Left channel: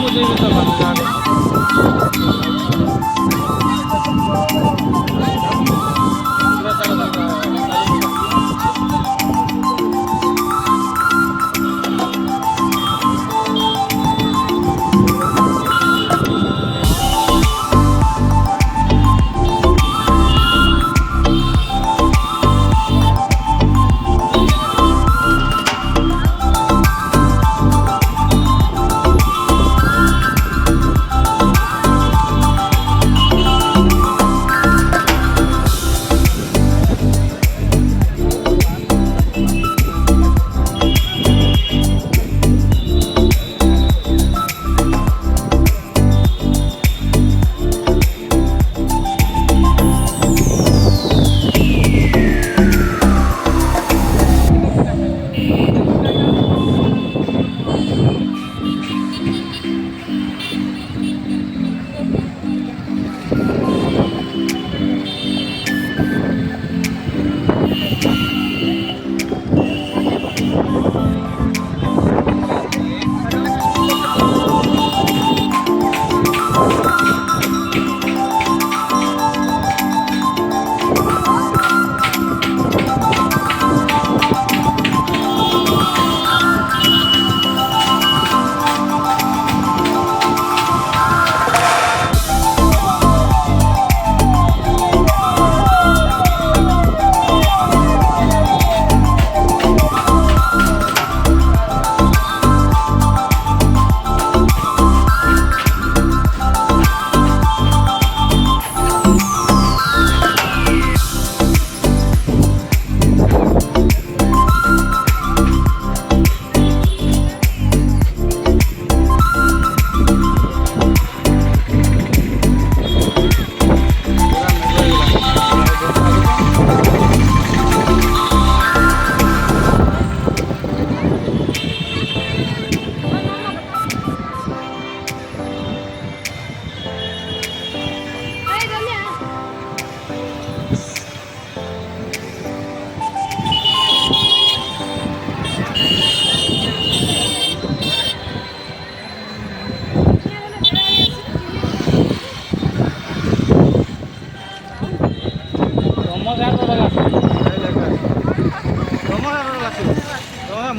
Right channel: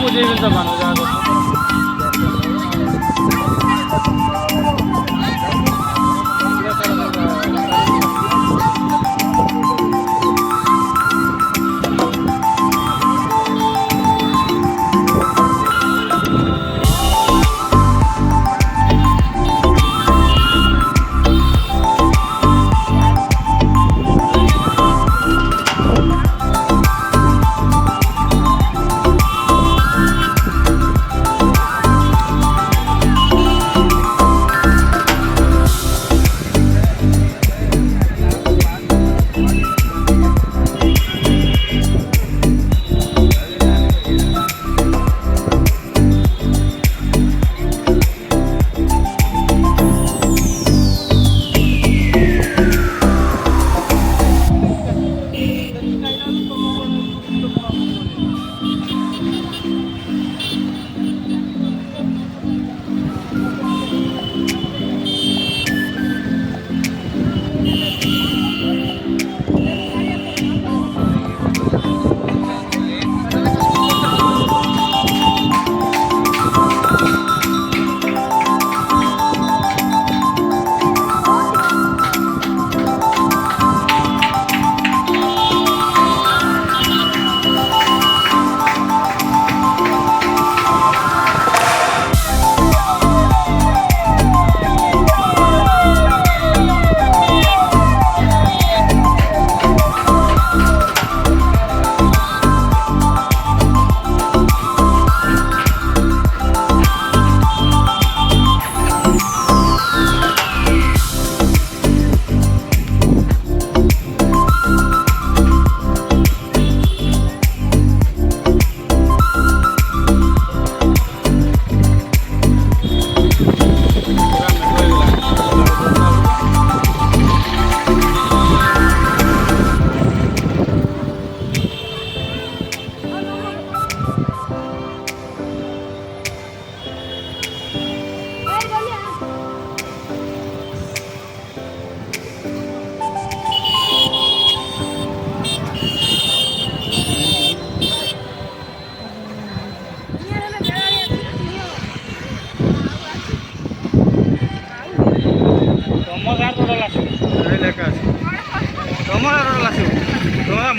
ବୁଝେଇବି ତ ମାନ ଯାହା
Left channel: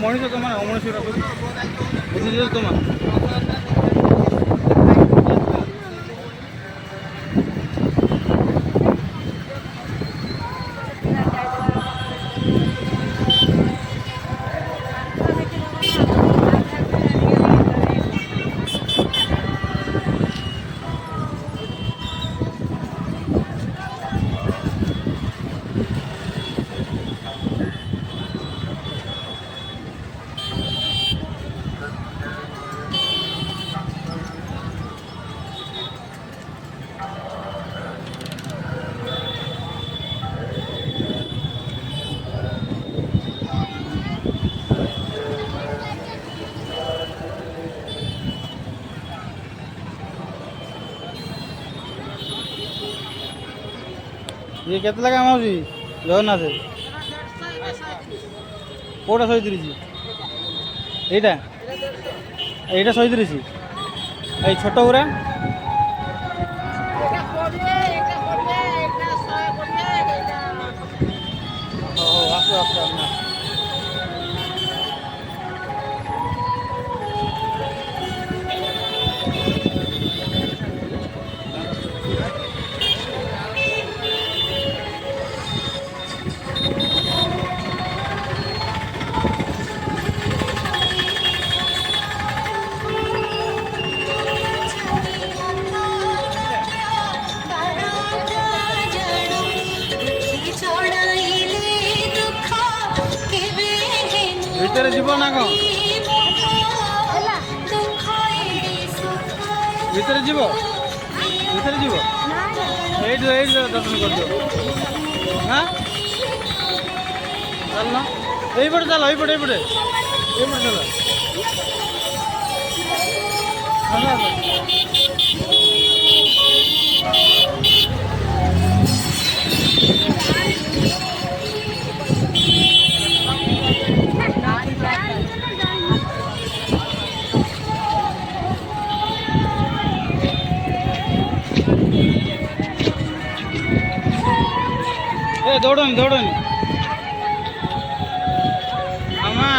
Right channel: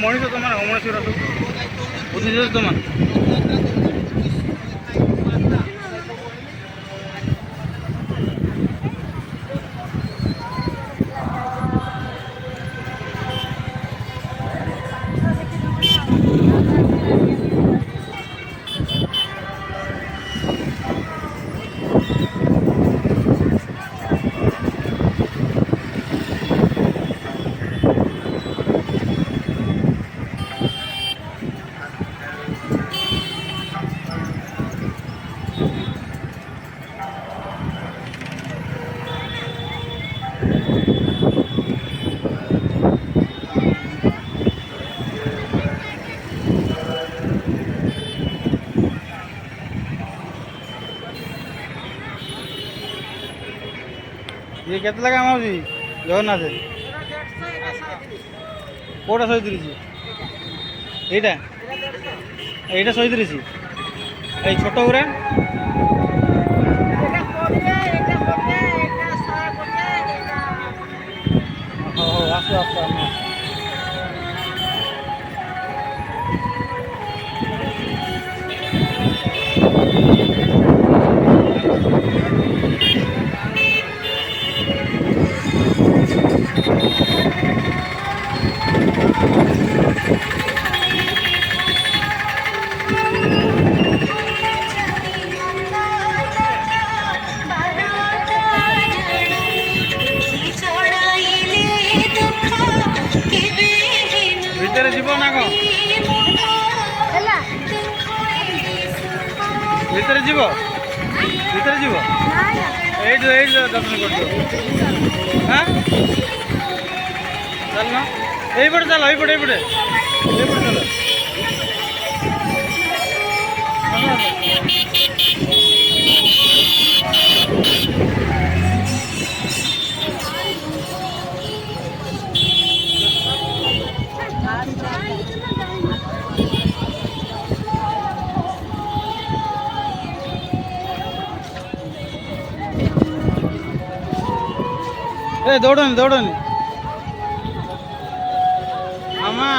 ମଣିଷ ତୁମେ ଅମଣିଷ ବୁଝିଛ ତୁମେ ये केते लगा माउजी जगन्नाथ कोटा 130 এইটা এইটা 130 এই ছোট গুড়া এটা 40 এটা 40 এটা 140 এটা हो আসো আসো না ভিতরে যাব না গো ভিতরে যাব ভিতরে যাব এইটো দর্শন করছো হ্যাঁ চল না এইপটে চলো এইপটে চলো এ দৌড়ুন দৌড়ুন মামা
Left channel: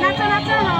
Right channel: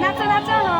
নাচো নাচো